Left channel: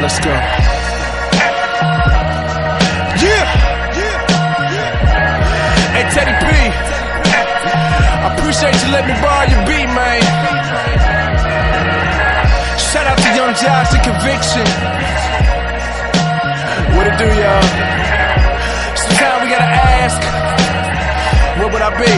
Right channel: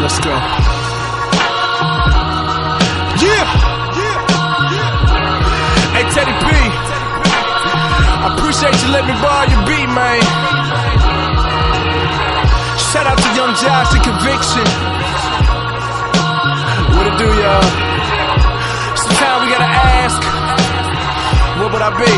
Let's go. Yeah. Hey, Teddy P, I appreciate you letting me borrow your beat, man. Shout out to Young Josh and Conviction. What it do, y'all? Sometimes we gotta ask, what would I be?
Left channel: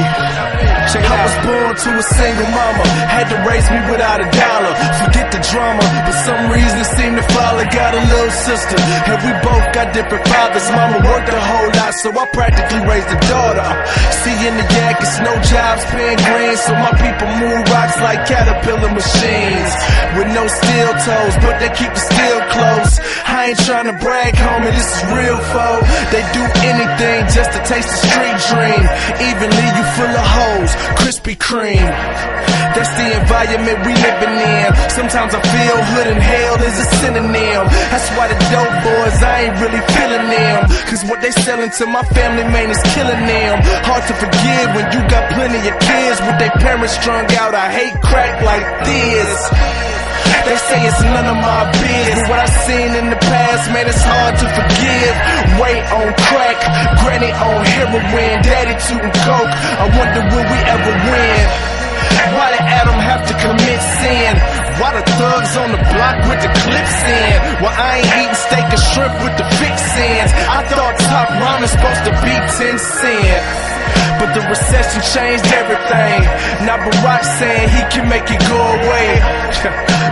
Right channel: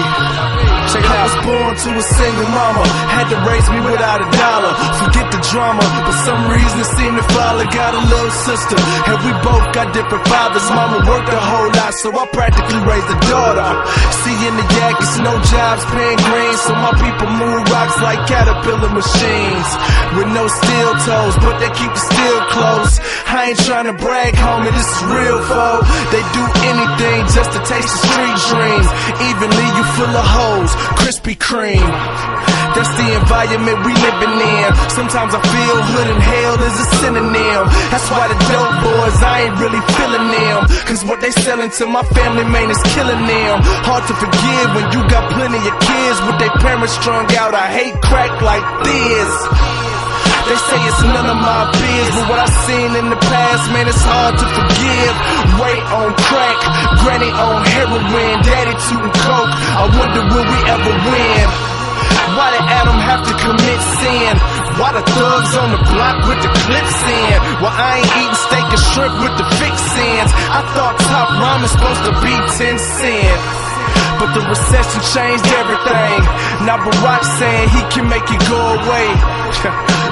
Check it out. I was born to a single mama, had to raise me without a dollar. Forget the drama, but some reason it seemed to follow. Got a little sister, and we both got different fathers. Mama worked a whole lot, so I practically raised a daughter. See, in the yak, it's no jobs paying green, so my people move rocks like caterpillar machines. With no steel toes, but they keep the steel close. I ain't trying to brag, homie, this is real, foe. They do anything just to taste the street dream. Even leave you full of hoes, Krispy Kreme. That's the environment we living in. Sometimes I feel hood and hell is a synonym. That's why the dope boys, I ain't really feeling them. Cause what they selling to my family, man, is killing them. Hard to forgive when you got plenty of kids with their parents strung out. I hate crack like this. They say it's none of my biz, but what I seen in the past, man, it's hard to forgive. Ray on crack, granny on heroin, daddy tootin' coke. I wonder will we ever win? Why did Adam have to commit sin? Why the thugs on the block with the clips in? Well, I ain't eating steak and shrimp with the fixins. I thought top ramen's supposed to be 10 cents. But the recession changed everything. Now Barack saying he can make it go away.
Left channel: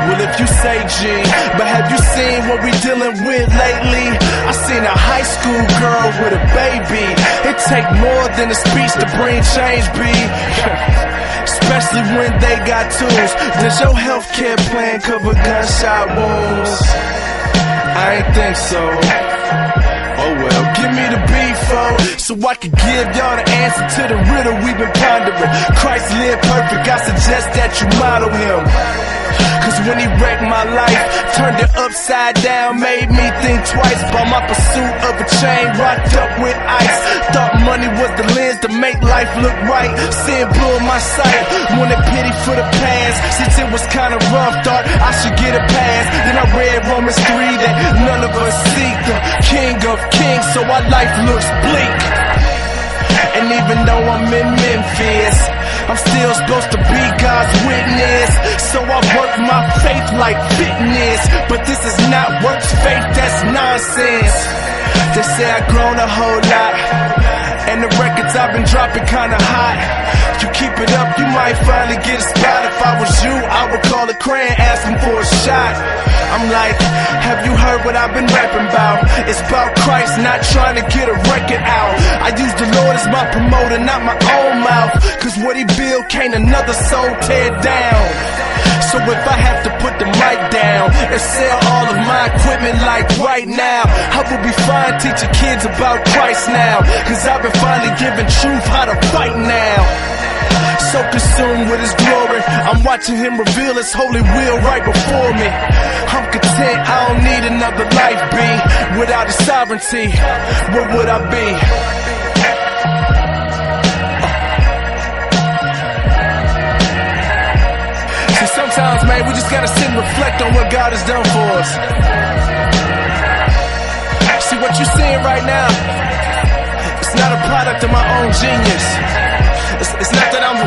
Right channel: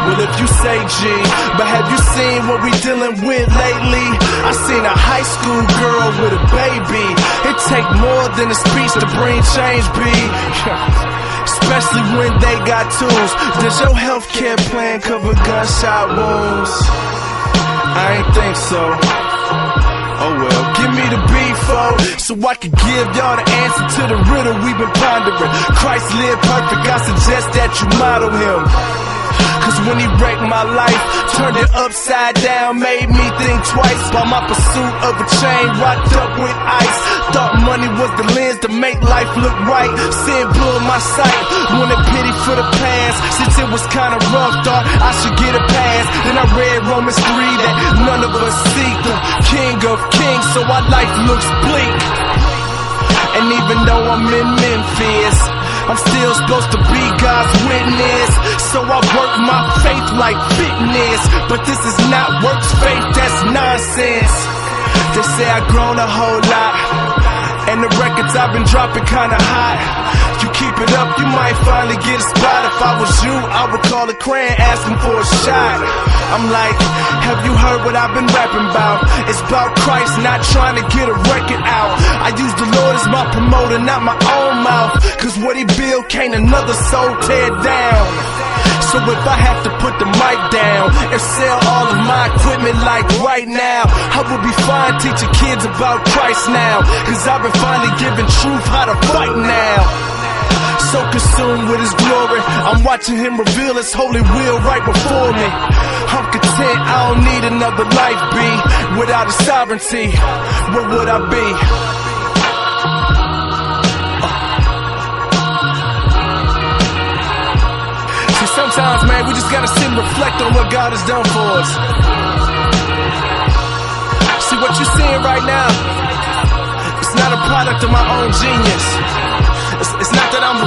Well, if you say G, but have you seen what we dealing with lately? I seen a high school girl with a baby. It take more than a speech to bring change, B. Especially when they got tools. Does your healthcare plan cover gunshot wounds? I ain't think so. Oh well, give me the beef, so I can give y'all the answer to the riddle we've been pondering. Christ lived perfect, I suggest that you model him. Cause when he wrecked my life, turned it upside down, made me think twice about my pursuit of a chain rocked up with ice. Thought money was the lens to make life look right. Sin blew my sight, wanted pity for the past. Since it was kinda rough, thought I should get a pass. Then I read Romans 3 that none of us seek the King of Kings, so our life looks bleak. And even though I'm in Memphis, I'm still supposed to be God's witness. So I work my faith like fitness. But this is not works faith, that's nonsense. They say I've grown a whole lot, and the records I've been dropping kinda hot. You keep it up, you might finally get a spot. If I was you, I would call a Cran, asking for a shot. I'm like, have you heard what I've been rapping about? It's about Christ, not trying to get a record out. I use the Lord as my promoter, not my own mouth. Cause what he built can't another soul tear down. So if I have to put the mic down and sell all of my equipment like right now, I will be fine teaching kids about Christ now. Cause I've been finally giving truth how to fight now. So consumed with his glory, I'm watching him reveal his holy will right before me. I'm content, I don't need another life, B. Without his sovereignty, what would I be? See, sometimes, man, we just gotta sit and reflect on what God has done for us. See, what you're seeing right now, it's not a product of my own genius. It's not that I'm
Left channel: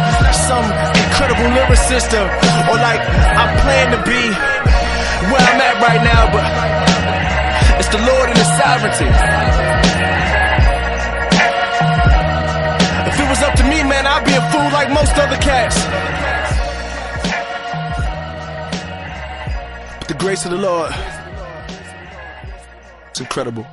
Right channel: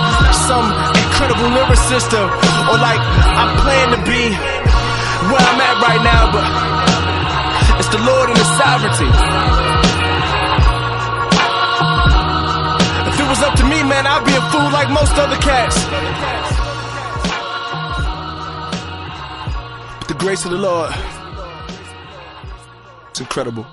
some incredible lyricist or like I plan to be where I'm at right now, but it's the Lord and His sovereignty. If it was up to me, man, I'd be a fool like most other cats. But the grace of the Lord, it's incredible.